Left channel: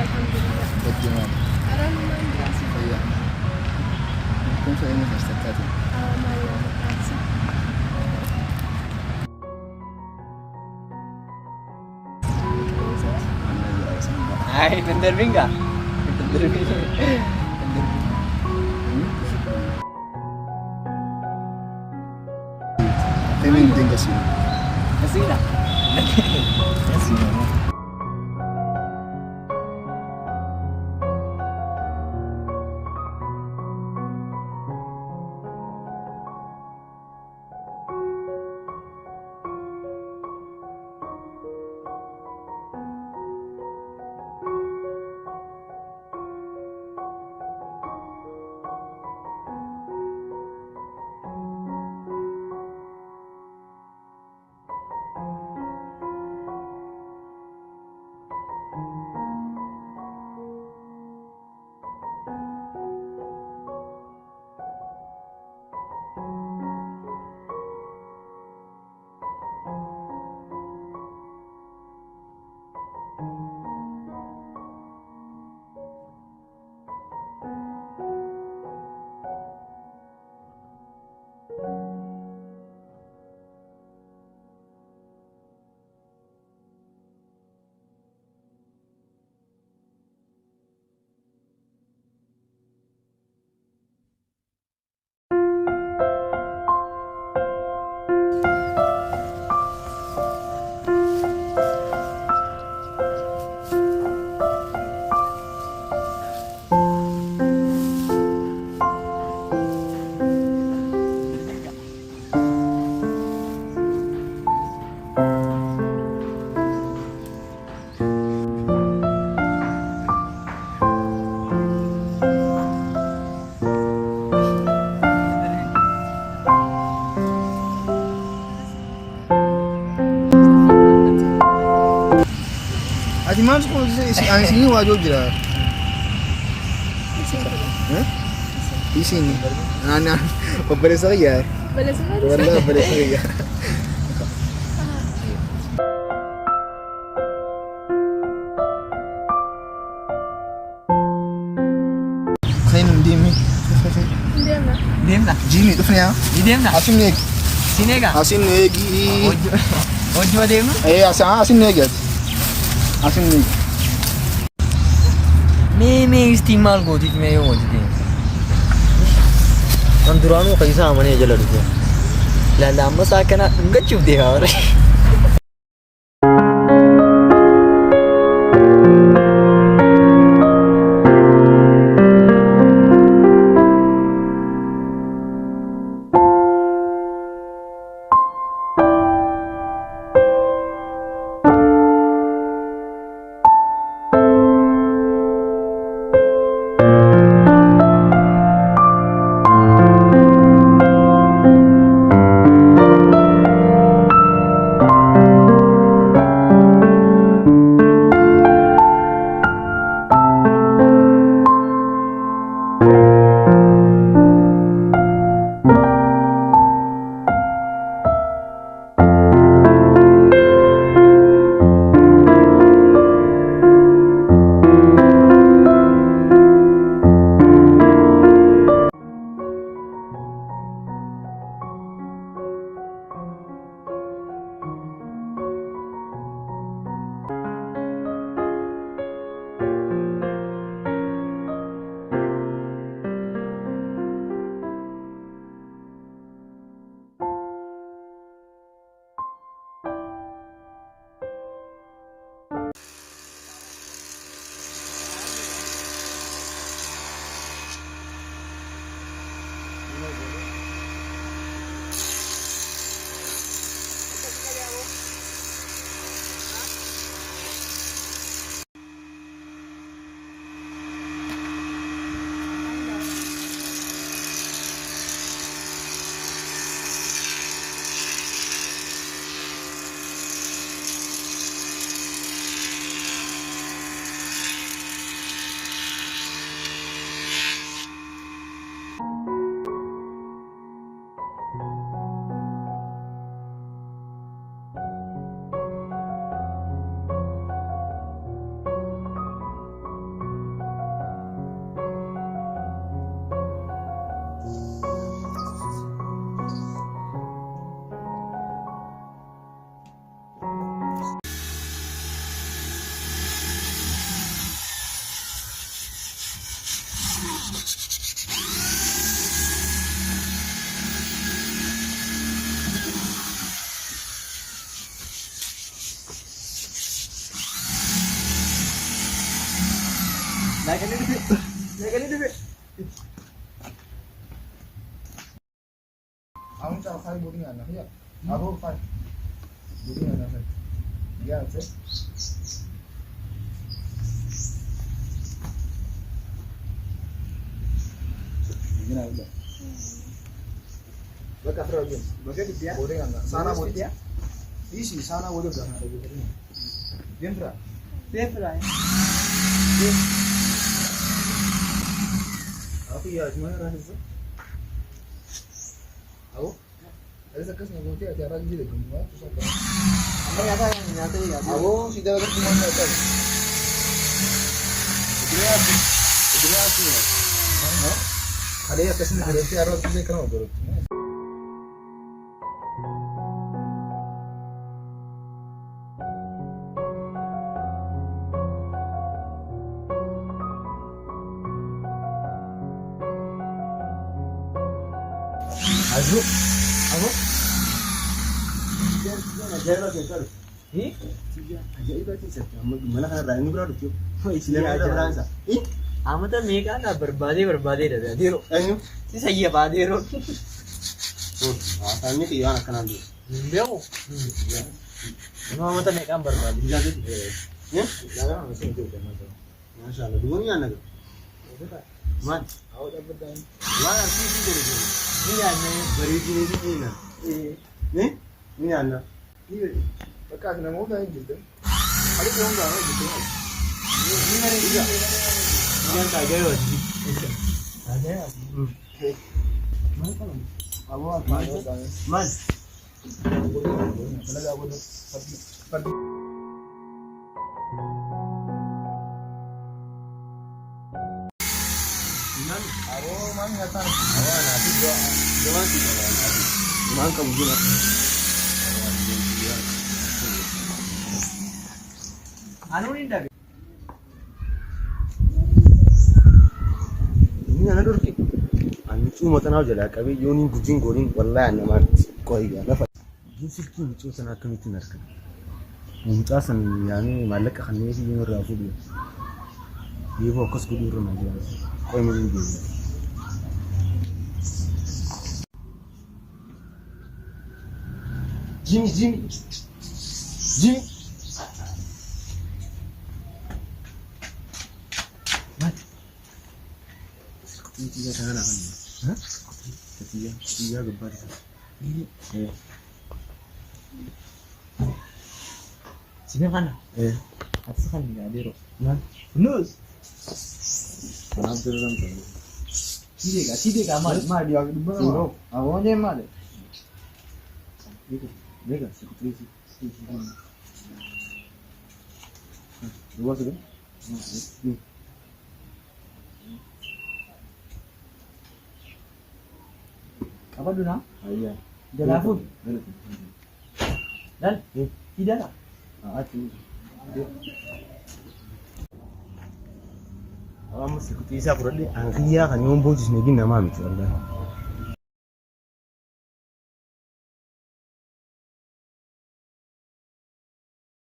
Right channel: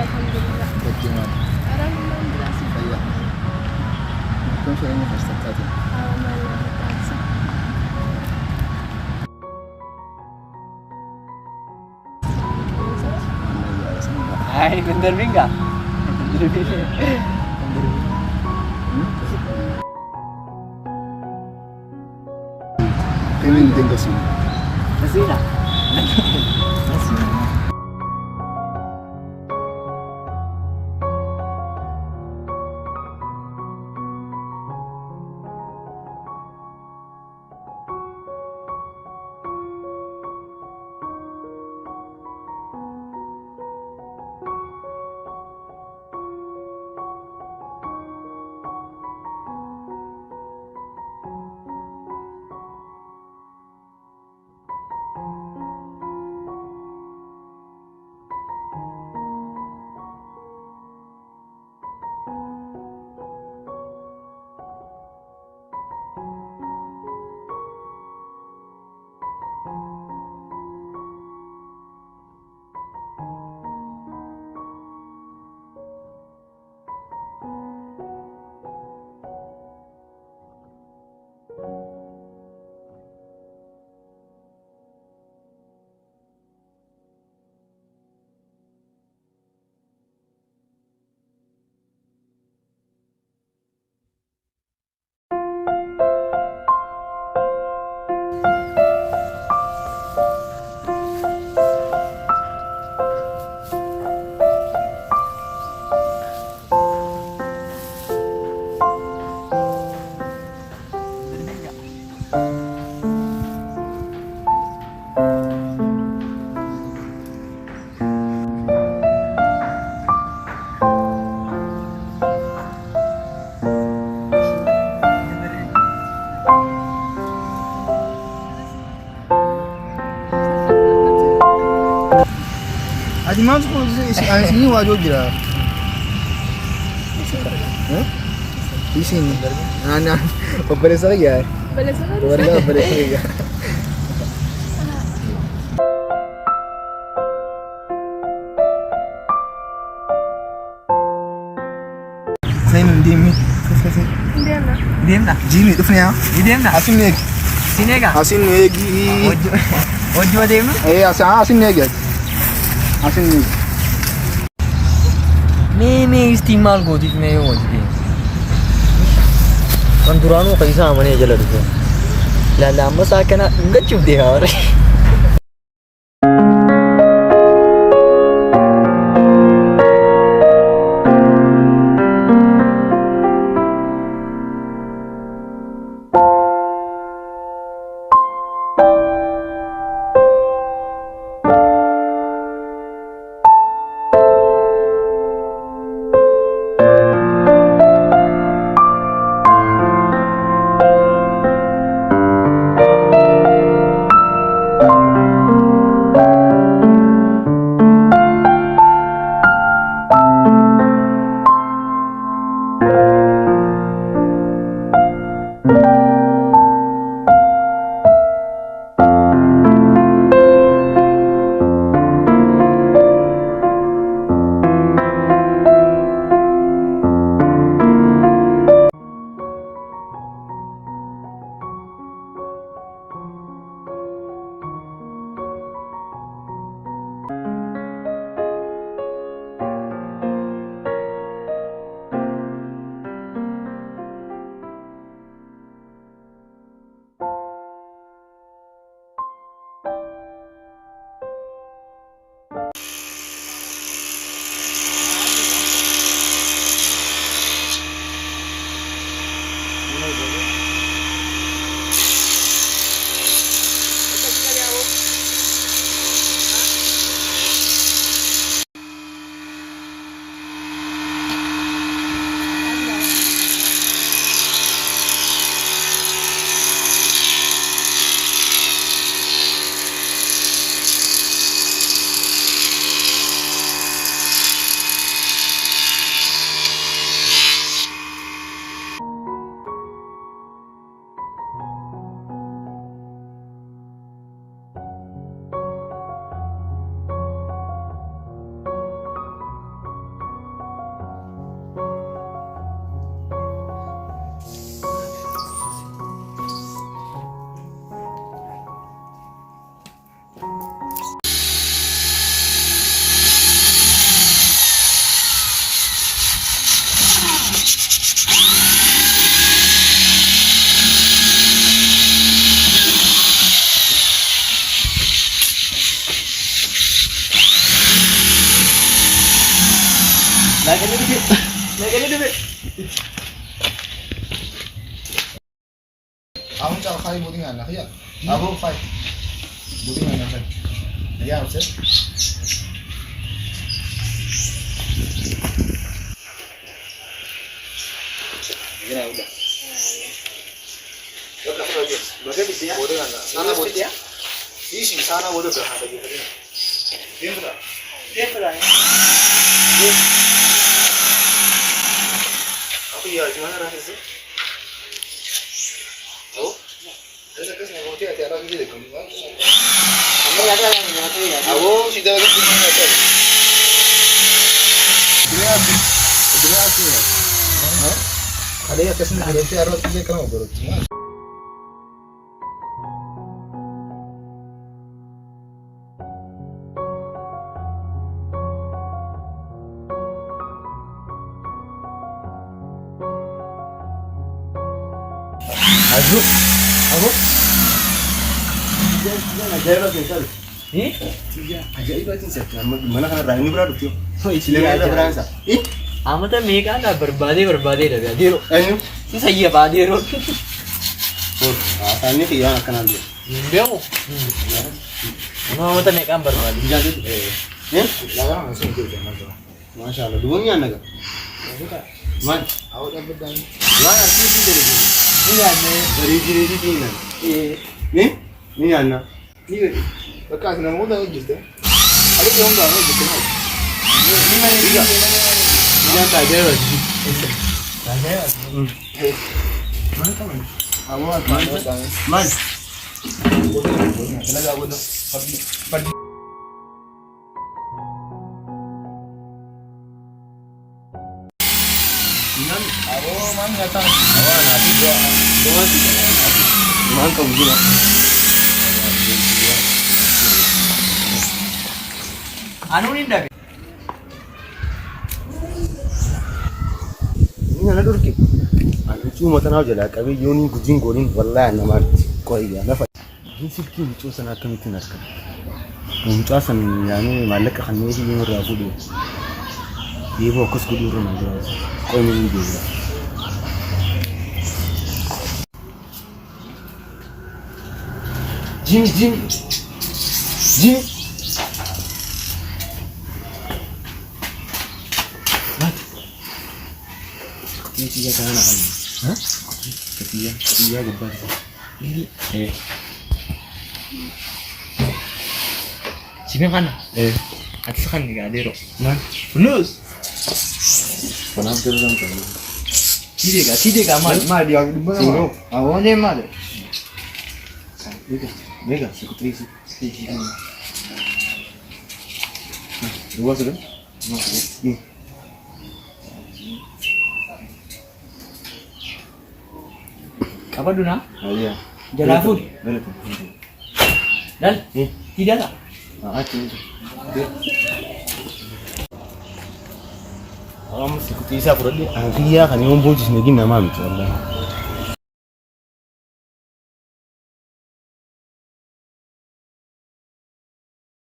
alhamdulillah. Bagaimana? Orang main berasal. Iya. Kung sa inyo hashtag natin? Malah terpaksa. Mana ya sama. Ay, bener enggak? Kevin din kasi. Kasi na. Kasi na. Ati maaf kok ini wajib jira. Di sini. Nah, pembalas lagi ya. Balas lagi ya. Kain dimi. Diem na. Jimmy, tu punya. Diem na. Asin nih. Sini ka? Asin nih. Ojo diem na. Asin nih guys. Asin nih. मैं इस्तेमाल को थी मैं हो जी अंदुरानो कैसा मने जल रुपया लाला मसा कना गच्चू दे और Aku cakap kali buting anak ya. Aku fight. Buting anak. Ya, Ustaz. Gini udah. Lo kasih lagi. Bagai dia. Buting anak. Sana buting ya. Isi sana buting dah ada gitu. Dia berapa? Dia berapa? Aku ya gimana rasanya? Aku? Ada kes nggak ngerti ada orang gitu kan? Anda ada yang ngerti ya? Aku sudah ada di mana itu? Berapa ya? Ada yang kes nggak ngerti orang itu kan ngobrol cuma. Aduh, apa? Ajaib lagi sir. Ajaib lagi sir. Mana kan Rahim ini berada tuh? Oh, isinya ada berapa? Amma tuh mereka ada berbadi dah. Diro. Ayo. Ini saya badi ro. Oh, asalnya kian akan ambil. Dia mau. Amma tuh mereka berbadi. Jadi, jangan langsung itu jangan tuh. Masya Allah, duanya naga. Man, awak dapat dan. Mana sih dari sini? Ini ana dari sini nan. Ini ana. Ini bekas nama udah gitu. Ada yang enggak gitu. Ini mana dia? Jangan tak ada lagi. Ada. Mana kamu? Awak man. Kena gak bodoh. Pergi. Aku mana datang? Awak nanti doa sih kalau mana kamu gila? Awak dia. Anu ni dah. Ini anak dorki. Anu cuma tanah aja lah. Kami Yoni gujing gorin, wallah nama koi ya. Nafa. Ini sih muncul sana kami tunas kan. Muncul sana yani malak kan ni sih yang rafu dia. Dia fokus kudu rumah dia. Koi ni dia. Jimmy. Mat. Ketiga tangan akan. Hah? Ketiga gebar. Ini. Sini kan? Atas kan enggak ada ro. Man. Lulus. Kenapa terus orang tu? Tidak kan? Mal dia di bawah. Awalnya mal. Mega, sekutri sih. Dua sudah? Apa dulu nak? Iya. Jala food. Dan? Tidak tak? Kalau masih kuti isa pura di angkia kan yang bonus ni gina mami tu Allah.